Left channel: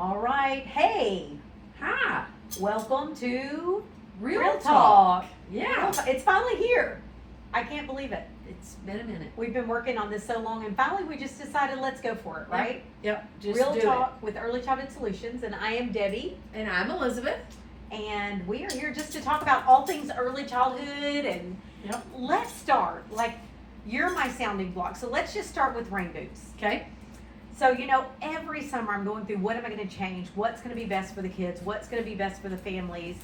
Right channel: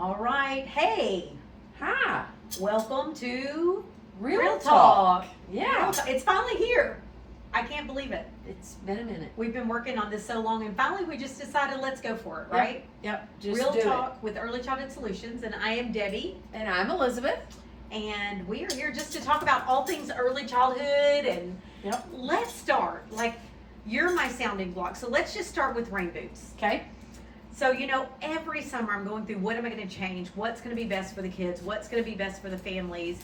All right. Hey, Hi. welcome to Real Talk. Yeah. It's finally here. I can't believe it. It's been a minute. We've been working on this so long, and finally we just decided let's go for it, right? Yep. Just Real do Talk with Early Childhood Solutions, and I am Debbie, it. And I'm Elizabeth. and we are here just to talk about all things early childhood. And Yep. let's start. Like, you're my sounding block, so let's just start with Rainboots. Okay. So, every summer I'm going through what am I going to change? What's going to be best for the kids? What's going to be best for the families?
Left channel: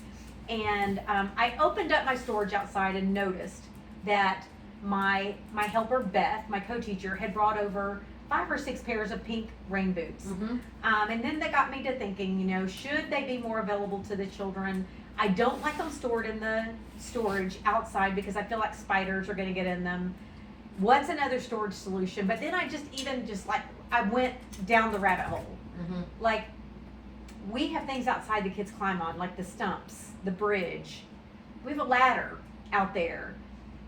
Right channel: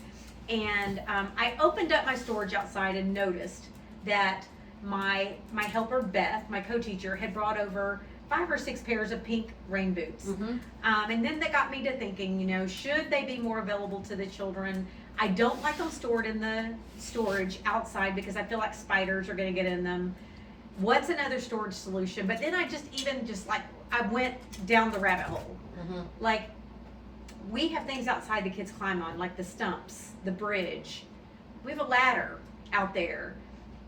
And I opened up my storage outside and noticed that my helper, Beth, my co-teacher, had brought over 5 or 6 pairs of pink rain boots. Mm-hmm. And then that got me to thinking, should they be more available to the children? I don't like them stored in the storage outside because I feel like spiders are going to get in them. What's another storage solution? But then I went down the rabbit hole. Mm-hmm. Like, we have things outside the kids climb on, like the stumps, the bridge. We have a ladder out there.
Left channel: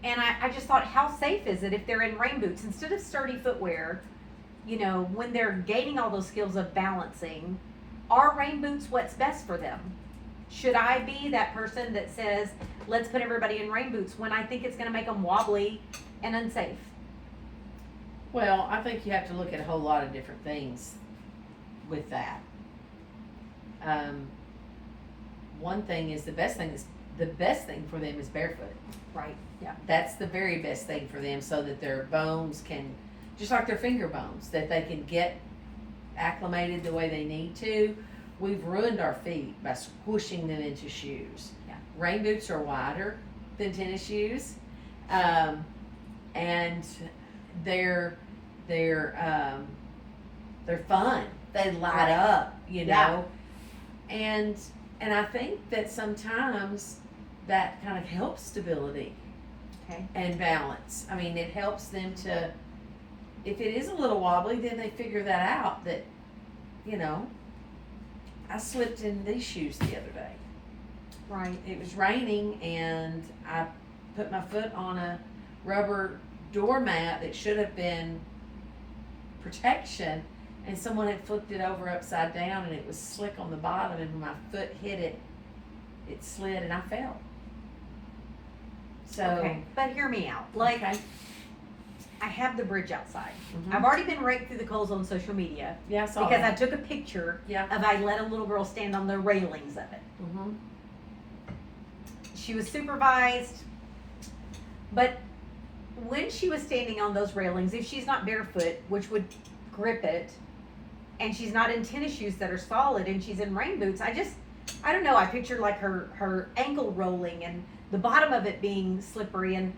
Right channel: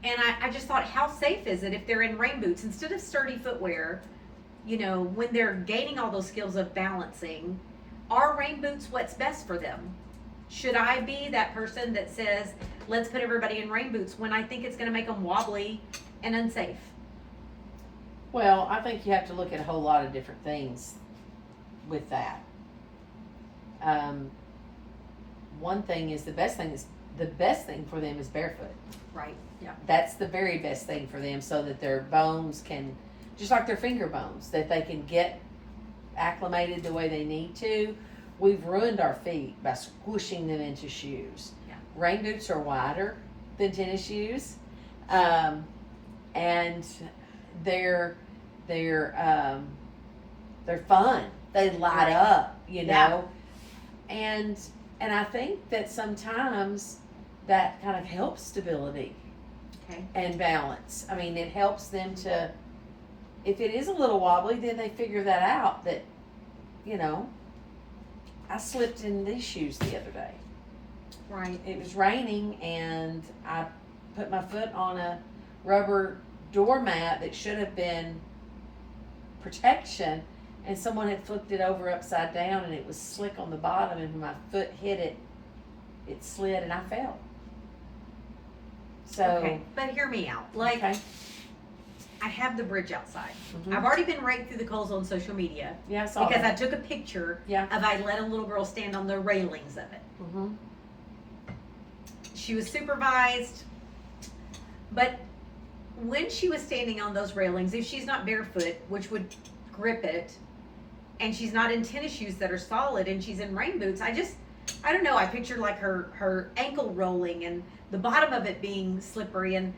And I just thought, how safe is it if they're in rain boots? Instead of sturdy footwear, when they're gaining all those skills of balancing, are rain boots what's best for them? Should I be that person that says, let's put everybody in rain boots when I think it's going to make them wobbly and unsafe? Well, I think you have to look at a whole lot of different things with that. One thing is the best thing for them is barefoot. Right. Yeah. That's the very best thing for them, so that their bones can, just like their finger bones, that they can get acclimated the way they need to. We've ruined our feet by squishing them into shoes. Yeah. Rain boots are wider than tennis shoes, and they're fun. They light up, Yeah. and I think that sometimes that kind of helps stability. Okay. And balance. I mean, it helps them to, if it is a little wobbly, then they figure that out, that, I slipped in these shoes the other day. Right. It was raining and I put my foot on a rubber doormat that should have been protection, and someone had flipped it over upside down and it was slick on the bottom, and when my foot hit it, it slid and I fell. So, Okay. But hear me out. Like, okay. I have the bridge outside. Mhm. I've already been raked through the coals on social media Yeah, I saw because that. I took a picture Yeah. of I let a little girl stand on the railings of it. Mm-hmm. She was supervised, but when she was standing on those railings, if she's not barefoot, which would grip it, and she's not in tennis shoes that are solid, and she's in rain boots, I don't know, I pictured like her ankle rolling and the bottom of it being slippery, and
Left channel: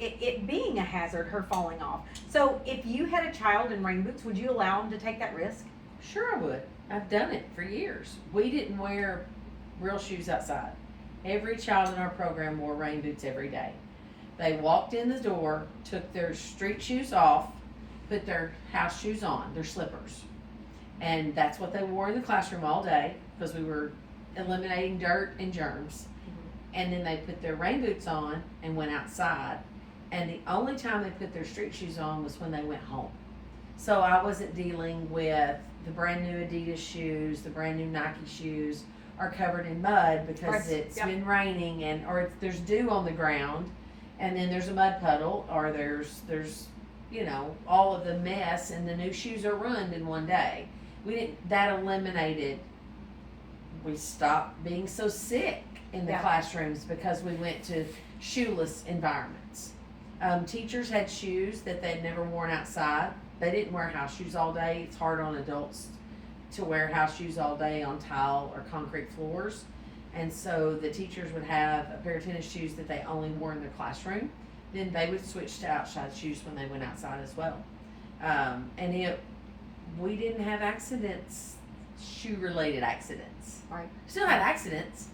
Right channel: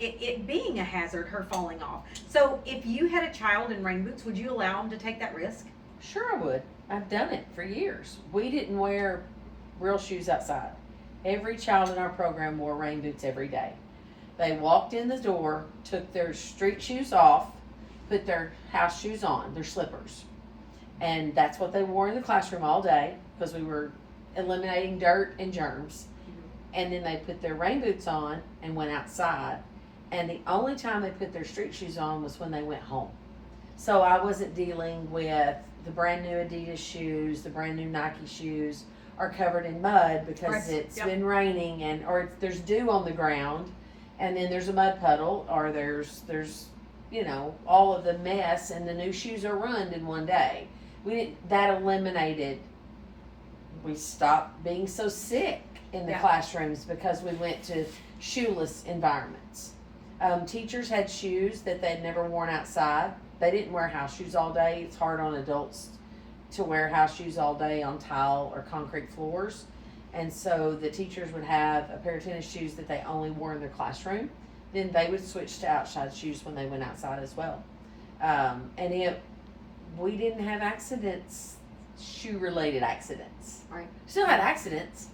it being a hazard, her falling off. So if you had a child in rain boots, would you allow them to take that risk? Sure I would. I've done it for years. We didn't wear real shoes outside. Every child in our program wore rain boots every day. They walked in the door, took their street shoes off, put their house shoes on, their slippers. And that's what they wore in the classroom all day, because we were eliminating dirt and germs. And then they put their rain boots on and went outside. And the only time they put their street shoes on was when they went home. So I wasn't dealing with the brand new Adidas shoes, the brand new Nike shoes are covered in mud because Right. it's Yep. been raining, or there's dew on the ground, and then there's a mud puddle, or there's all of the mess, and the new shoes are ruined in one day. That eliminated. We stopped being so sick in the Yeah. classrooms because we went to shoeless environments. Teachers had shoes that they'd never worn outside. They didn't wear house shoes all day. It's hard on adults to wear house shoes all day on tile or concrete floors. And so the teachers would have a pair of tennis shoes that they only wore in their classroom. Then they would switch to outside shoes when they went outside as well. We didn't have accidents, shoe-related accidents. Right. Still had accidents,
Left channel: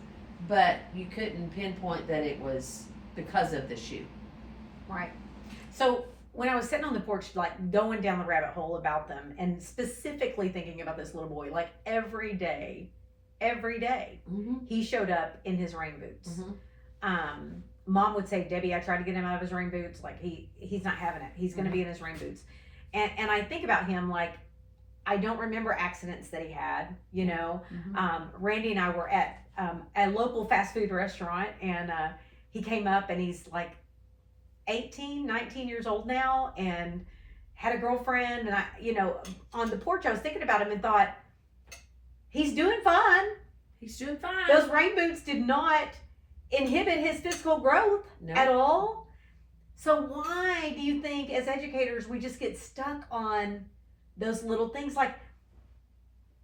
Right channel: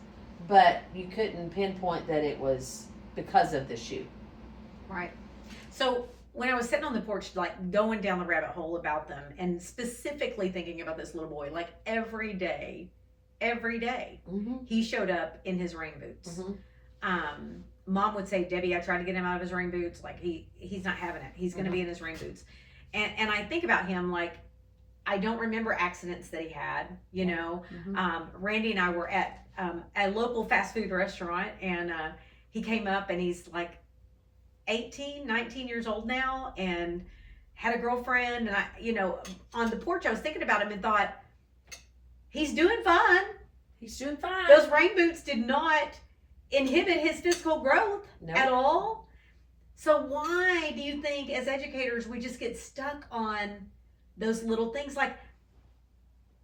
but you couldn't pinpoint that it was because of the shoe. Right. So when I was sitting on the porch, like going down the rabbit hole about them, and specifically thinking about this little boy, like every day, Mm-hmm. he showed up in his rain boots. Mm-hmm. Mom would say, Debbie, I tried to get him out of his rain boots. Like he's not having it. He's going to be in his rain boots. And I think about him like, I don't remember accidents that he had, you know. Mhm. Randy and I were at a local fast food restaurant, and he came up, and he's like 18, 19 years old now, and had a girlfriend. And I, you know, on the porch, I was thinking about him and thought, he's doing fine. He's doing fine. Those rain boots did not inhibit his physical growth Nope. at all. So why do you think, as educators, we just get stuck on those little things? Like,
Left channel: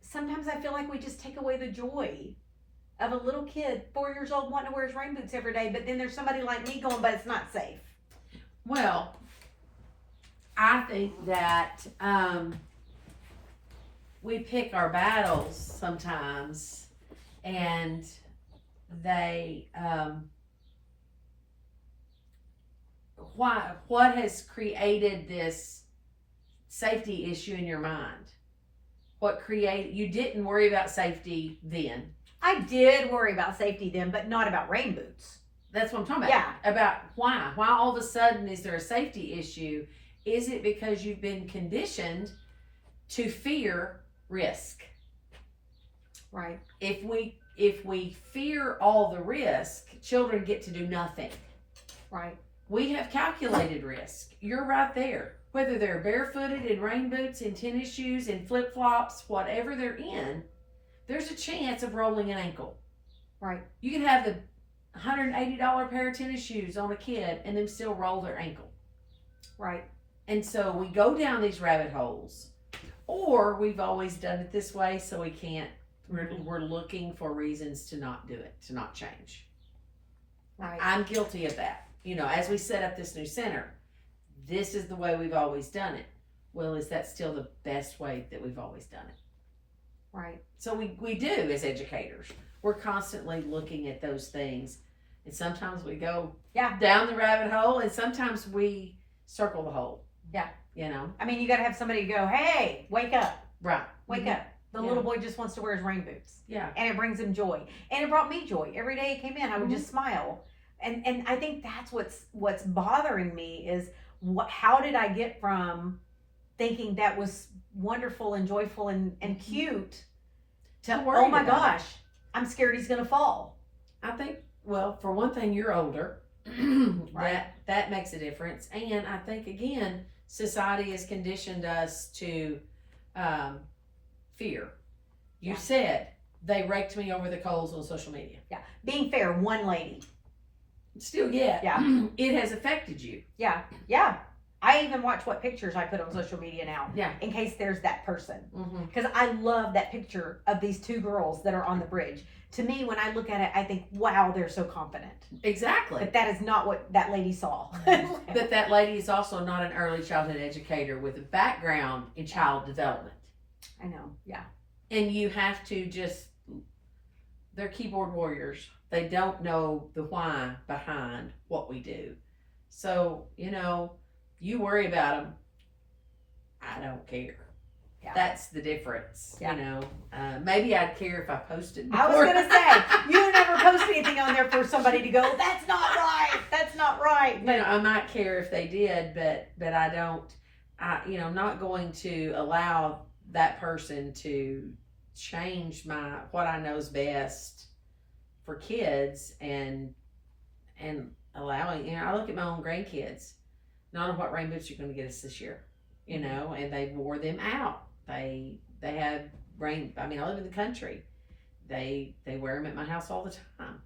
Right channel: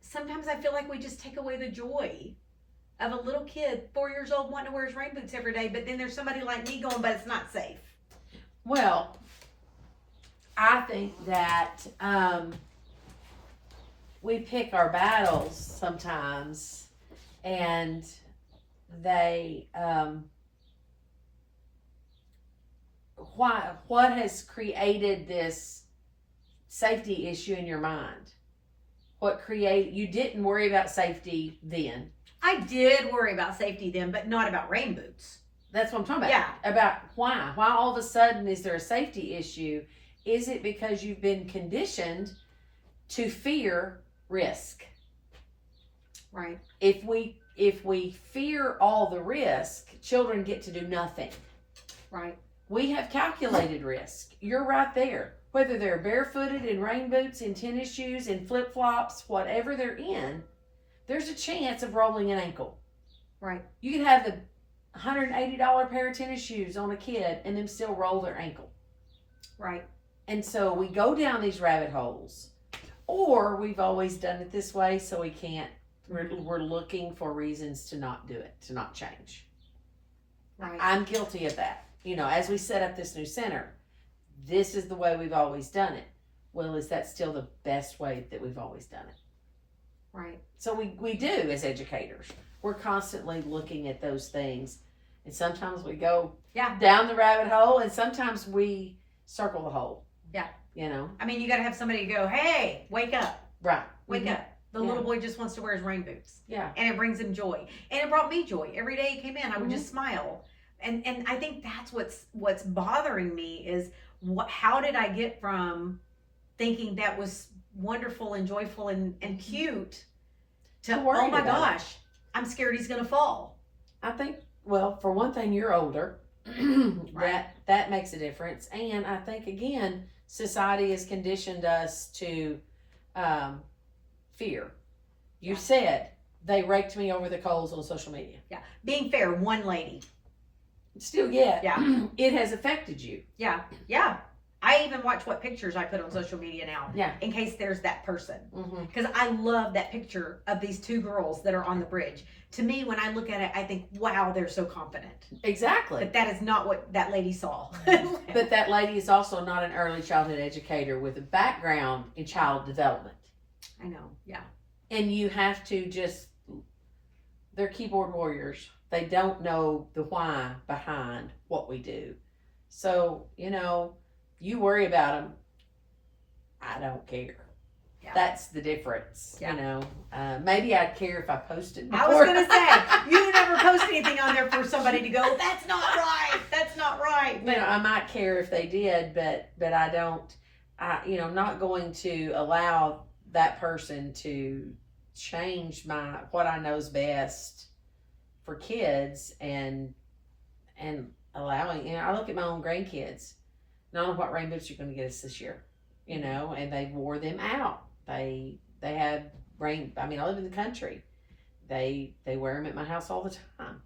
sometimes I feel like we just take away the joy of a little kid, 4 years old, wanting to wear his rain boots every day. But then there's somebody like me going, but it's not safe. Well, I think that we pick our battles sometimes, and they what has created this safety issue in your mind? You didn't worry about safety then. I did worry about safety then, but not about rain boots. That's what I'm talking about. Yeah. About why all of a sudden is there a safety issue? Is it because you've been conditioned to fear risk? Right. If we fear all the risk, children get to do nothing. Right. We have calculated risk. You're right there. Whether they're barefooted in rain boots, in tennis shoes, in flip-flops, whatever they're in, there's a chance of rolling an ankle. Right. You can have the $180 pair of tennis shoes on a kid and them still roll their ankle. Right. And so we go down these rabbit holes, or we've always done it this way, so we can't. We're looking for reasons to not do it, to not change. Right. I'm guilty of that. You know, as we set up this new center, this is the way we've always done it. Well, is that still the best way that we've always done it? Right. So we do as educators. We're constantly looking at those things. And sometimes we go down the rabbit hole, and sometimes we circle the hole. Yeah. You know? I mean, you got to have somebody to go, hey, wake up. Right. Wake up. The little boy just wants to wear his rain boots. Yeah. And it brings him joy. And it brought me joy. Every day he came in, I would just smile. And I think that's what's bothering me is how did I get from thinking that was wonderful and joyful and cute to, oh my gosh, I'm scared he's going to fall. I think, well, for one thing, you're older. Right. That makes a difference. And I think, again, society has conditioned us to fear. You said they raked me over the coals on social media. Yeah. Being fair, one lady. Still yet. Yeah. It has affected you. Yeah. Yeah. I even watch what pictures I put on social media now. Yeah. In case there's that person. Mm-hmm. Because I love that picture of these two girls that are on the bridge. To me, when I look at it, I think, wow, they're so confident. Exactly. But that is not what that lady saw. But that lady is also not an early childhood educator with a background in child development. I know. Yeah. And you have to they're keyboard warriors. They don't know the why behind what we do. So, you know, you worry about them. I don't care. Yeah. That's the difference. Yeah. You know, maybe I'd care if I posted more. I was going to say, you never post anything on there for somebody to go, that's not right. That's not right. But, you know, I might care if they did, but I don't, I'm not going to allow that person to change what I know is best for kids and allowing, I look at my own grandkids. Not know what rain boots you're going to get us this year, you know, and they wore them out. They had rain. I mean, I live in the country. They wear them at my house all the time,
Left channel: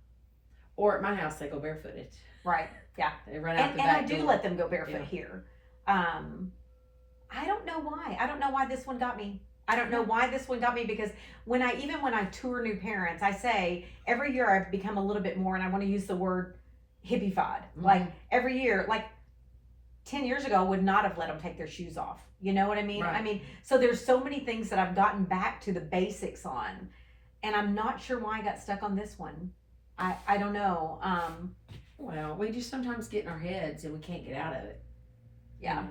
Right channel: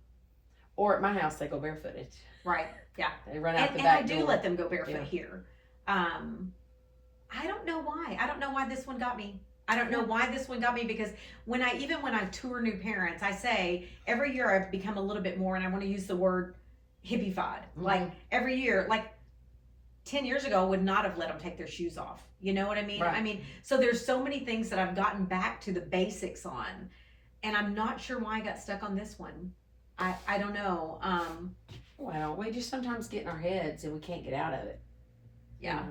or at my house they go barefooted. Right. Yeah. They run out the back door. And I do let them go barefoot here. I don't know why. I don't know why this one got me. I don't know why this one got me, because when I tour new parents, I say every year I've become a little bit more, and I want to use the word hippified. Mm-hmm. Like every year, like 10 years ago, I would not have let them take their shoes off. You know what I mean? Right. I mean, so there's so many things that I've gotten back to the basics on, and I'm not sure why I got stuck on this one. I don't know. Well, we just sometimes get in our heads and we can't get out of it. Yeah.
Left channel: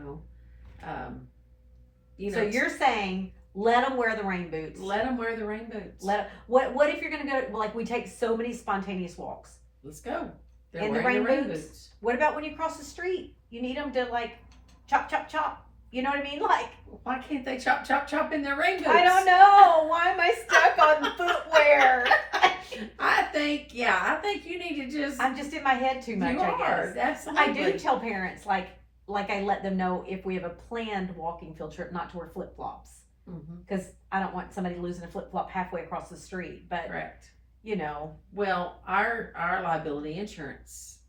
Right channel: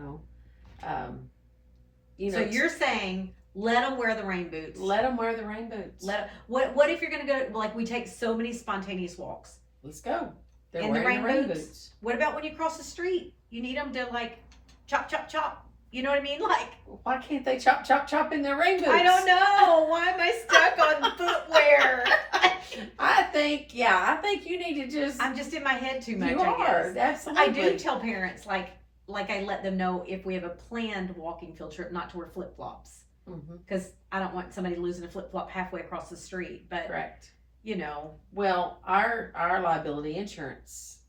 So you're saying let them wear the rain boots. Let them wear the rain boots. What if you're going to go, like we take so many spontaneous walks? Let's go. They're in the rain boots. What about when you cross the street? You need them to like chop, chop, chop. You know what I mean? Like, Why can't they chop in their rain boots? I don't know. Why am I stuck on footwear? I think you need to just. I'm just in my head too much. You I are, guess. absolutely. I do tell parents like I let them know if we have a planned walking field trip, not to wear flip flops, because I don't want somebody losing a flip flop halfway across the street. But Correct. You know, well, our liability insurance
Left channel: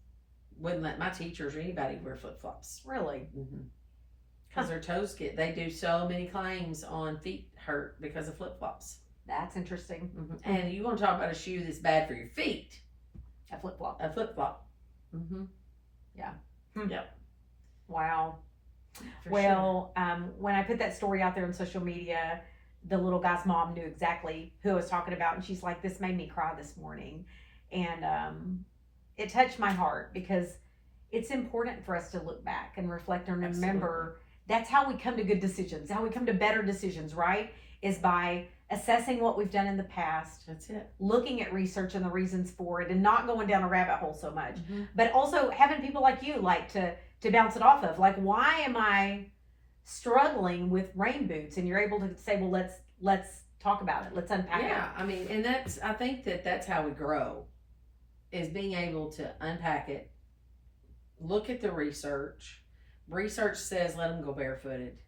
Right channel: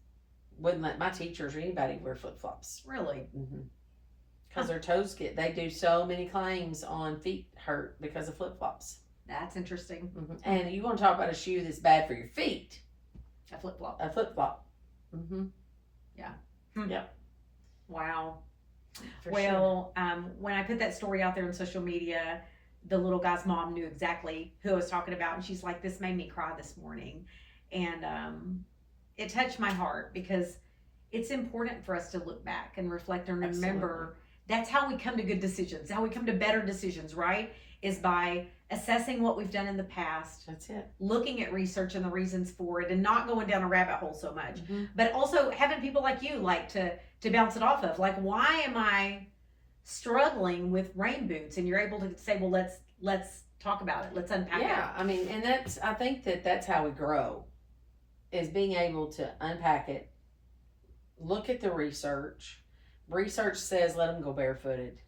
wouldn't let my teachers or anybody wear flip flops. Really. Because their toes they do so many claims on feet hurt because of flip flops. That's interesting. And you want to talk about a shoe that's bad for your feet? A flip flop. A flip flop. Yeah. Yep. Wow. For Well, when I put that story out there on social media, the little guy's mom knew exactly who I was talking about, and she's like, "This made me cry this morning," and it touched my heart because it's important for us to look back and reflect and remember. That's how we come to good decisions, how we come to better decisions, right? Is by assessing what we've done in the past. That's it. Looking at research and the reasons for it and not going down a rabbit hole so much. But also having people like you to bounce it off of. Like, why am I struggling with rain boots? And you're able to say, well, let's talk about it. Let's unpack it. Yeah, I mean, and I think that's how we grow, is being able to unpack it, look at the research. Research says let them go barefooted.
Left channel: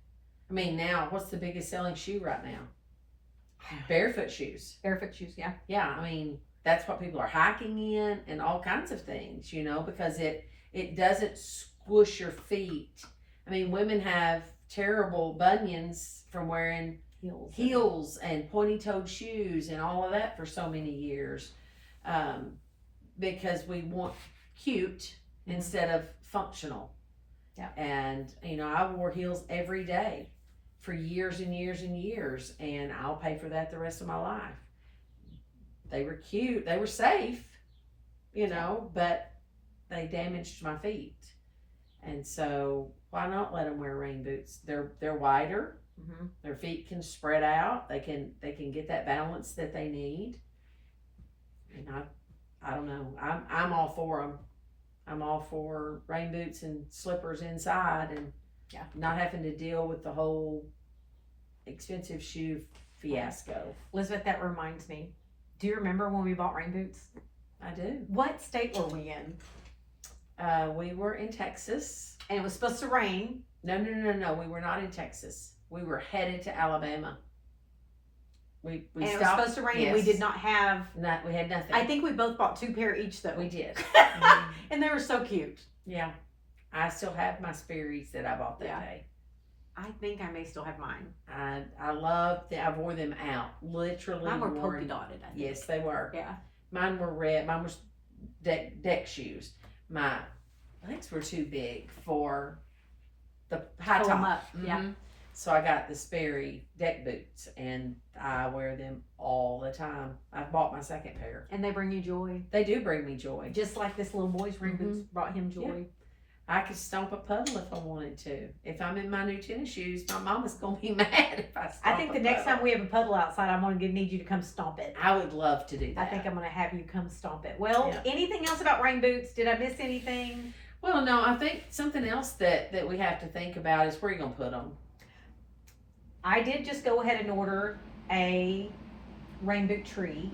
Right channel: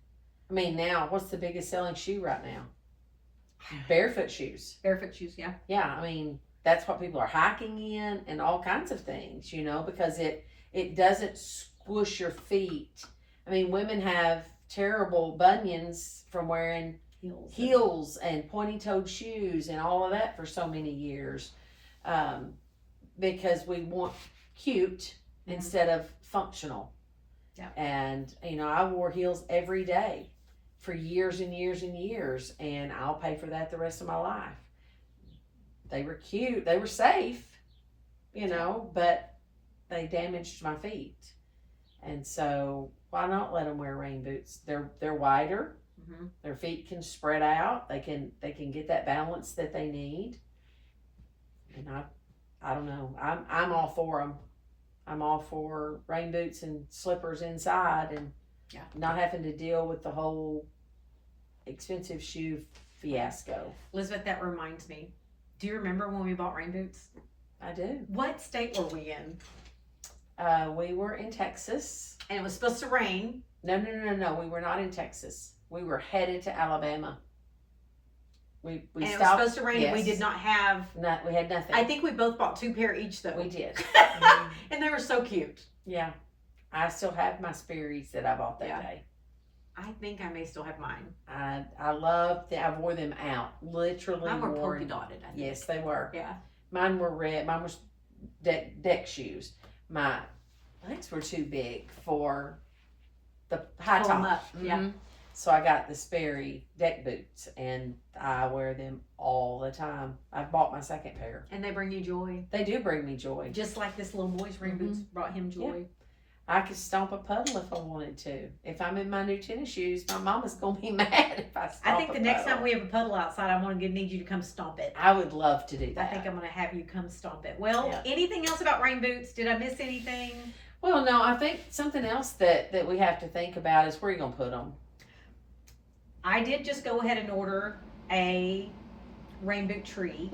I mean, now, what's the biggest selling shoe right now? Barefoot shoes. Barefoot shoes, yeah. Yeah, I mean, that's what people are hiking in and all kinds of things, because it doesn't squish your feet. I mean, women have terrible bunions from wearing heels and pointy-toed shoes and all of that for so many years, because we want cute instead of functional. Yeah. And I wore heels every day for years and years and years, and I'll pay for that the rest of my life. They were cute, they were safe, but they damaged my feet. And so why not let them wear rain boots? They're wider. Their feet can spread out. They can get that balance that they need. And I don't know. I'm all for them. I'm all for rain boots and slippers inside, and not having to deal with the whole expensive shoe fiasco. Elizabeth, that reminds me. Do you remember when we bought rain boots? I do. What state were we in? We were in Texas. And it was supposed to rain. No. We were not in Texas. We were headed to Alabama. We and stopped. It was supposed to rain. Yes. And we did not have. We had nothing. I think we both bought 2 pair each, though. We did. And they were so cute. Yeah. I still have my Sperry's that I bought that day. I think I may still have mine. I love them. I wore them out. Literally. Mine were polka dotted, I think. Yes, they were. Yeah. Mine were red. Mine was deck shoes. My legs were too big for the high Pull top. them up. Yeah. So I got the Sperry deck boots, and I wear them all the time. I've bought my second pair. And they bring you joy. They do bring me joy. Just like this little boy's rain boots brought him joy. Yeah. I could stomp a puddle if I wanted to. If I'm in my new tennis shoes, my mama's going to be mad if I stomp I think the a next puddle. time we have a puddle outside, I'm going to need you to come stomp it. I would love to do that. I think I'm going to have you come stomp it. Well, anything else about rain boots? Did I miss anything? Well, no, I think something else that we have to think about is where you're going to put them. I did just go ahead and order a rain boot tree.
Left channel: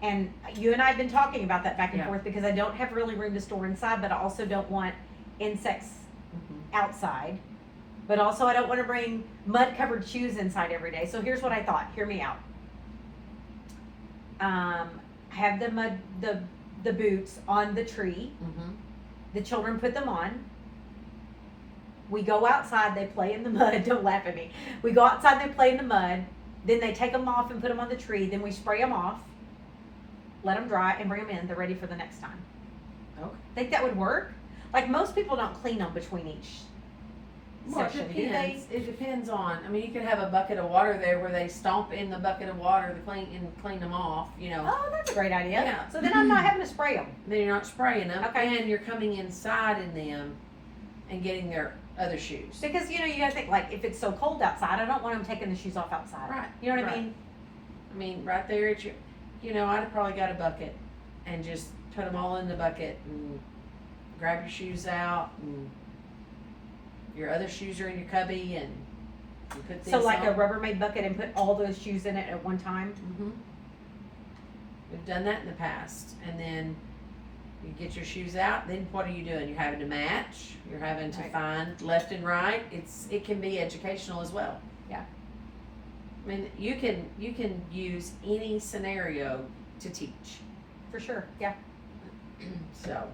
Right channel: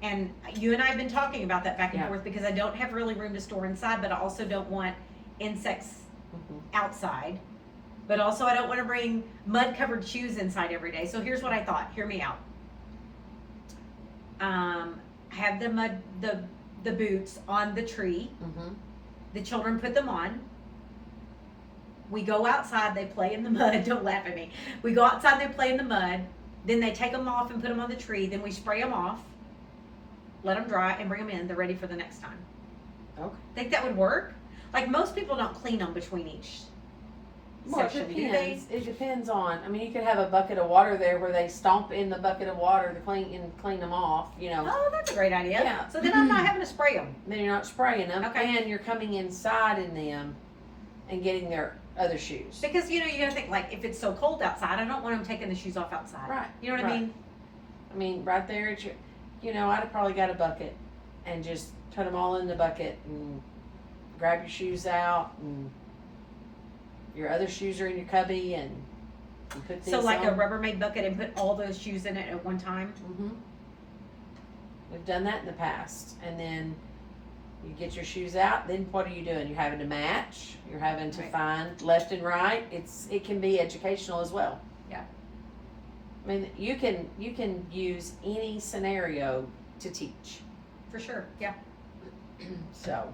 And you and I have been talking about that back and forth because I don't have really room to store inside, but I also don't want insects outside. But also I don't want to bring mud-covered shoes inside every day. So here's what I thought. Hear me out. Have the boots on the tree. The children put them on. We go outside, they play in the mud. Don't laugh at me. We go outside, they play in the mud. Then they take them off and put them on the tree. Then we spray them off, let them dry, and bring them in. They're ready for the next time. Okay. Think that would work? Like, most people don't clean them between each session. It depends. It depends on. I mean, you could have a bucket of water there where they stomp in the bucket of water to clean them off. Oh, that's a great idea. Yeah. So then I'm not having to spray them. Then you're not spraying them, Okay. and you're coming inside in them and getting their other shoes. Because, you gotta think, like, if it's so cold outside, I don't want them taking the shoes off outside. Right. You know what I mean? I mean, right there at your, I'd have probably got a bucket and just put them all in the bucket and grab your shoes out and, your other shoes are in your cubby, and you put these So like on. a Rubbermaid bucket and put all those shoes in it at one time? Mm-hmm. We've done that in the past. And then you get your shoes out, then what are you doing? You're having to match, you're having to Right. find left and right. It can be educational as well. Yeah. I mean, you can use any scenario to teach. For sure, yeah. So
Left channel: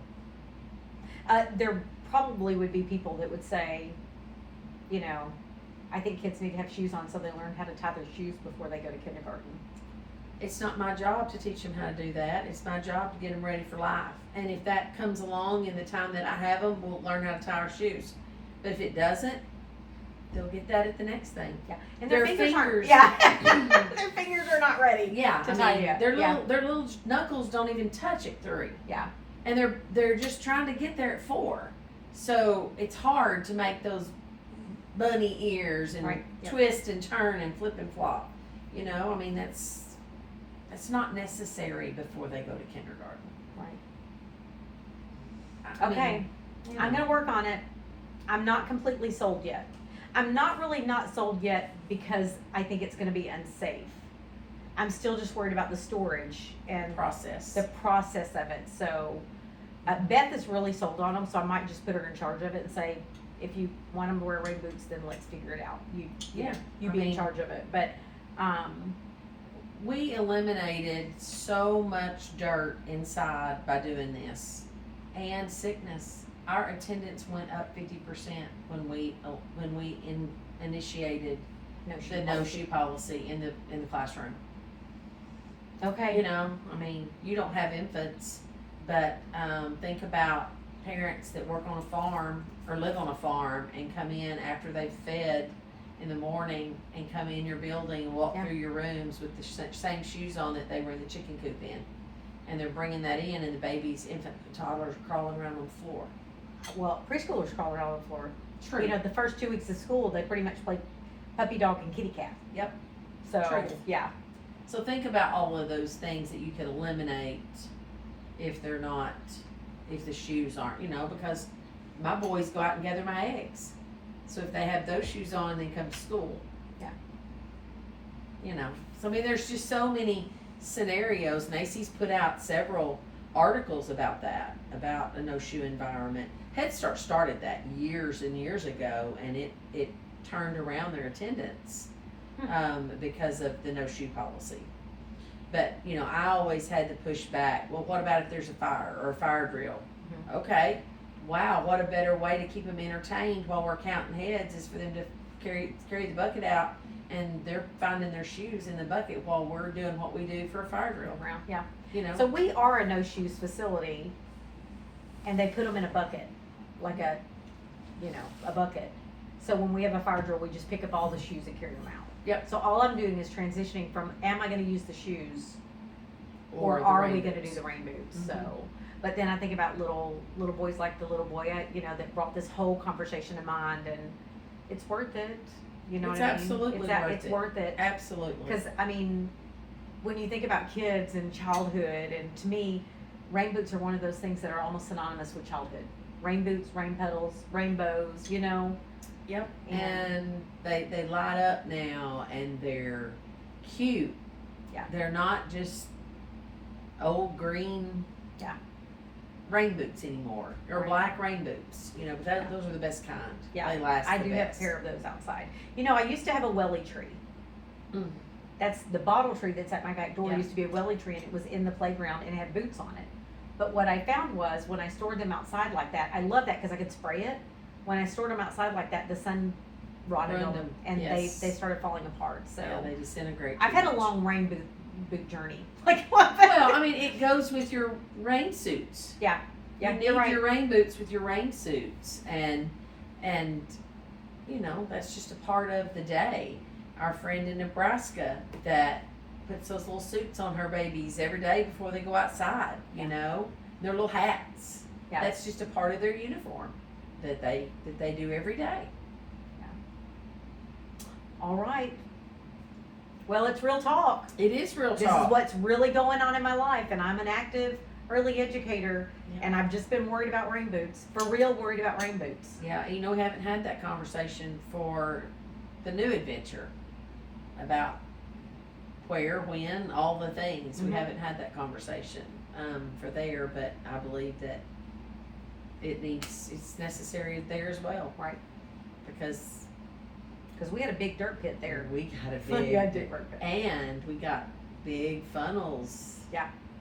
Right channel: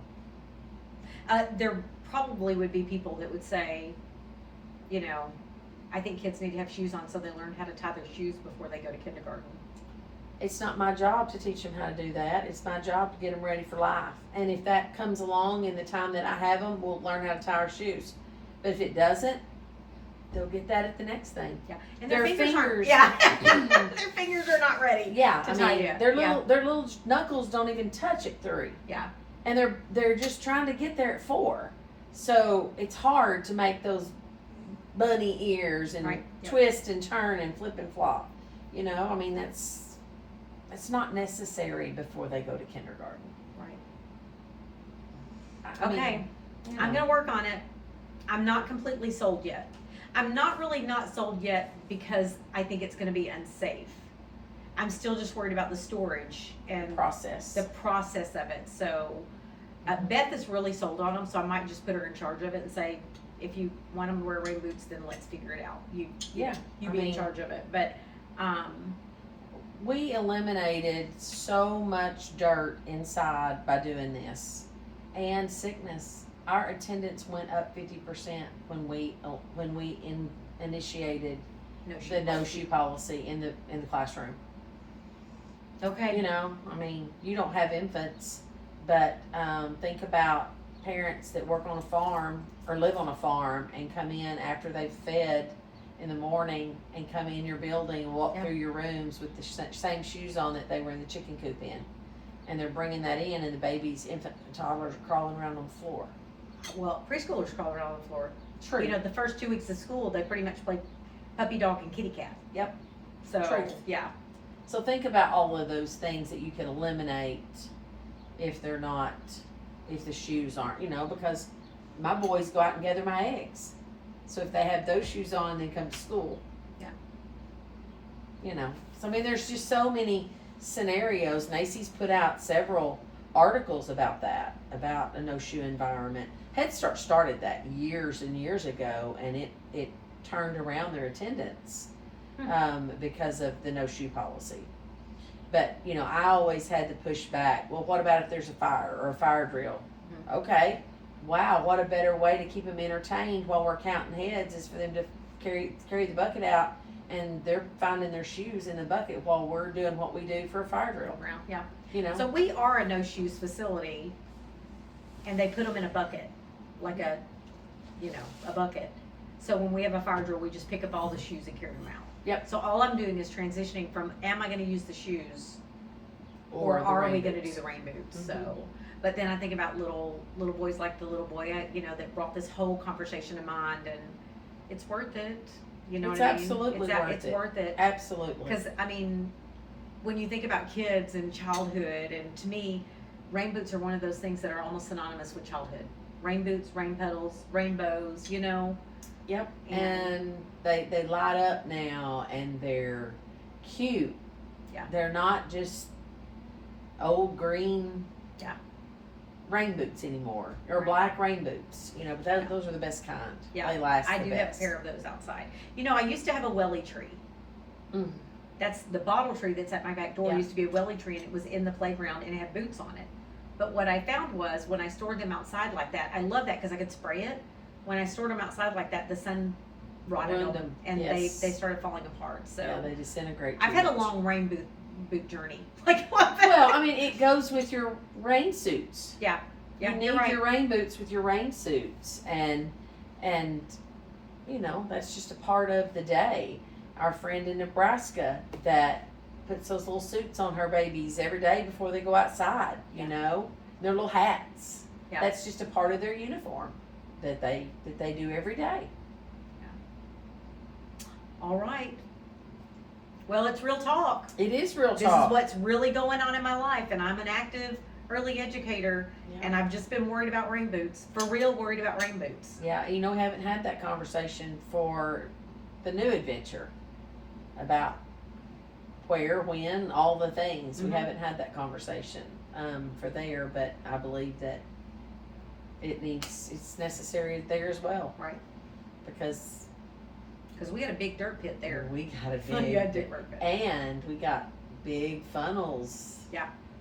There probably would be people that would say, you know, I think kids need to have shoes on so they learn how to tie their shoes before they go to kindergarten. it's not my job to teach them how to do that. It's my job to get them ready for life. And if that comes along in the time that I have them, we'll learn how to tie our shoes. But if it doesn't, they'll get that at the next thing. Yeah, and Their their fingers aren't, fingers- yeah, their fingers are not ready. Yeah, To I tie mean, you. their Yeah. little knuckles don't even touch at 3. Yeah. And they're just trying to get there at 4. So it's hard to make those bunny ears and Right, yeah. twist and turn and flip and flop. You know, I mean that's not necessary before they go to kindergarten. Right. I mean, Okay, you I'm know. gonna work on it. I'm not completely sold yet. I'm not really not sold yet because I think it's gonna be unsafe. I'm still just worried about the storage and process. the process of it. So Beth is really sold on them, so I might just put her in charge of it and say, if you want them to wear rain boots, then let's figure it out. You I be in mean- charge of it. But We eliminated so much dirt inside by doing this, and sickness. Our attendance went up 50% when we initiated no shoe the no policy. shoe policy in the classroom. Okay. You know, I mean, you don't have infants, but think about parents that work on a farm or live on a farm and come in after they've fed in the morning and come in your building and walk Yeah. through your rooms with the same shoes on that they were in the chicken coop in. And they're bringing that in, and the babies, infant and toddlers crawling around on the floor. Well, preschoolers crawl around on the floor. True. You know, the first 2 weeks of school, they pretty much play puppy dog and kitty cat. Yep. So, True. yeah. So think about all of those things that you can eliminate if they're not, if the shoes aren't, you know, because my boys go out and gather my eggs. So if they have those shoes on and then come to school. Yeah. You know, so I mean, there's just so many scenarios. Macy's put out several articles about that, about a no shoe environment. Head Start started that years and years ago, and it turned around their attendance because of the no shoe policy. But you know, I always had to push back. Well, what about if there's a fire or a fire drill? Mhm. Okay, wow, what a better way to keep them entertained while we're counting heads is for them to carry the bucket out, and they're finding their shoes in the bucket while we're doing what we do for a fire drill. Around, yeah. You know, So we are a no shoes facility, and they put them in a bucket, like a bucket. So when we have a fire drill, we just pick up all the shoes and carry them out. Yep. So all I'm doing is transitioning from, am I gonna use the shoes, or the are rain we gonna boots. do the rain boots? Mhm. So, but then I think about little boys like the little boy, that brought this whole conversation to mind, and it's worth it. You know It's what I mean? absolutely worth it's it. worth it. Absolutely. Because, I mean, when you think about kids and childhood, and to me, rain boots are one of those things that are almost synonymous with childhood. Rain boots, rain petals, rainbows, you know? Yep. And- And they light up now, and they're cute. Yeah. They're not just old green. Yeah. Rain boots anymore, or Right. black rain boots. You know, but Yeah. those are the best kind. Yeah, They last. I the do best. have a pair of those outside. You know, I used to have a welly tree. Mm. That's the bottle tree that's at my back door. Yeah. Used to be a welly tree, and it was in the playground, and it had boots on it. But what I found was when I stored them outside like that, I love that because I could spray it. When I stored them outside like that, the sun rotted Ruined on them, them, and yes. they started falling apart. So Yeah, they disintegrate. I've too had a much. long rain boot journey. Like what? Well, I mean, it goes with your rain suits. Yeah, You need you're right. your rain boots with your rain suits, and you know, that's just a part of the day. Our friend in Nebraska that puts those little suits on her babies every day before they go outside. You know, their little hats. Yeah. That's just a part of their uniform that they do every day. All right. Well, it's real talk. It is real This talk. is what's really going on in my life, and I'm an active early educator, Yeah. and I've just been worried about rain boots. For real, worried about rain boots. Yeah, you know, we haven't had that conversation for the new adventure about where, when, all the things. Mhm. We haven't had that conversation for there, but I believe that it's necessary there as well. Right. Because We had a big dirt pit there. we got a We big, had a big dirt pit and we got big funnels.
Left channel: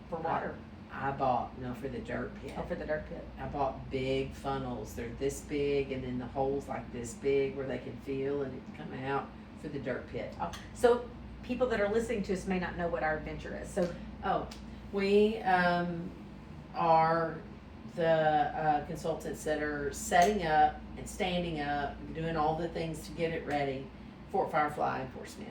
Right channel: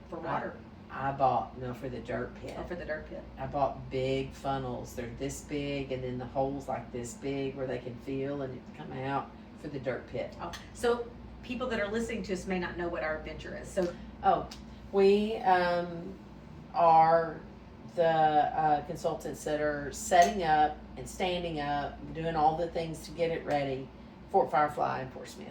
for water. I bought, no, for the dirt pit. Oh, for the dirt pit. I bought big funnels. They're this big, and then the holes like this big where they can feel and it come out for the dirt pit. Oh, so people that are listening to us may not know what our adventure is. So We are the consultants that are setting up and standing up, doing all the things to get it ready for Firefly and Fort Smith.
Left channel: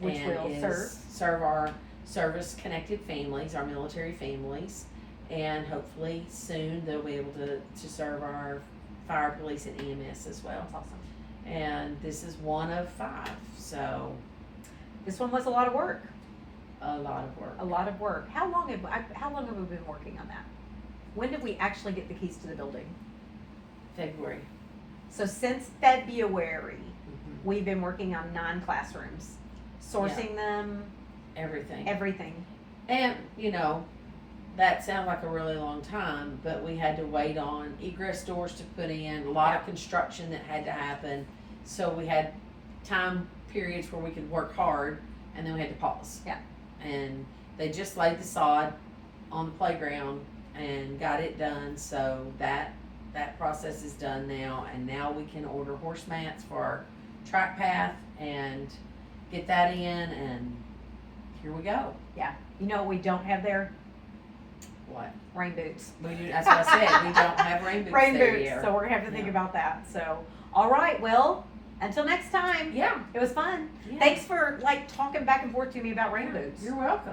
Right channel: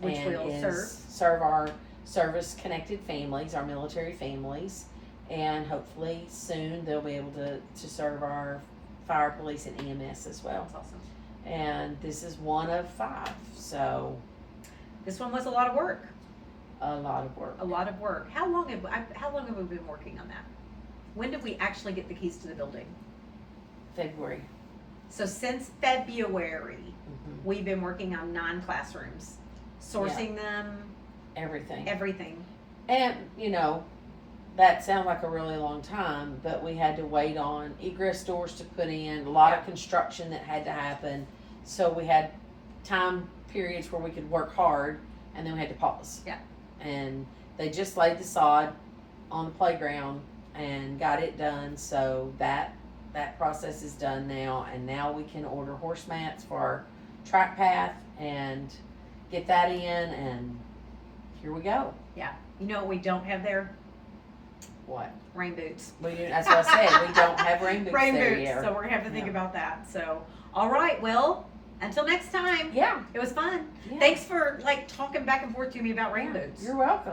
which And will serve our service-connected families, our military families, and hopefully soon they'll be able to serve our fire, police, and EMS as well. That's awesome. And this is one of 5, so This one was a lot of work. a lot of work. A lot of work. How long have we been working on that? When did we actually get the keys to the building? February. So since February, Mhm. we've been working on 9 classrooms, sourcing them, Everything. everything. And, you know, that sounds like a really long time, but we had to wait on egress doors to put in, a lot of construction that had to happen. So we had time periods where we could work hard, and then we had to pause. Yeah. And they just laid the sod on the playground and got it done, so that process is done now, and now we can order horse mats for our track path and get that in, and here we go. You know what we don't have there? What? Rain boots. That's what I said. We don't have rain boots Rain there boots. yet. So we're gonna have to think Yeah. about that. So, all right. Well, until next time. Yeah. It was fun. Yeah. Thanks for talking back and forth to me about rain boots. You're welcome.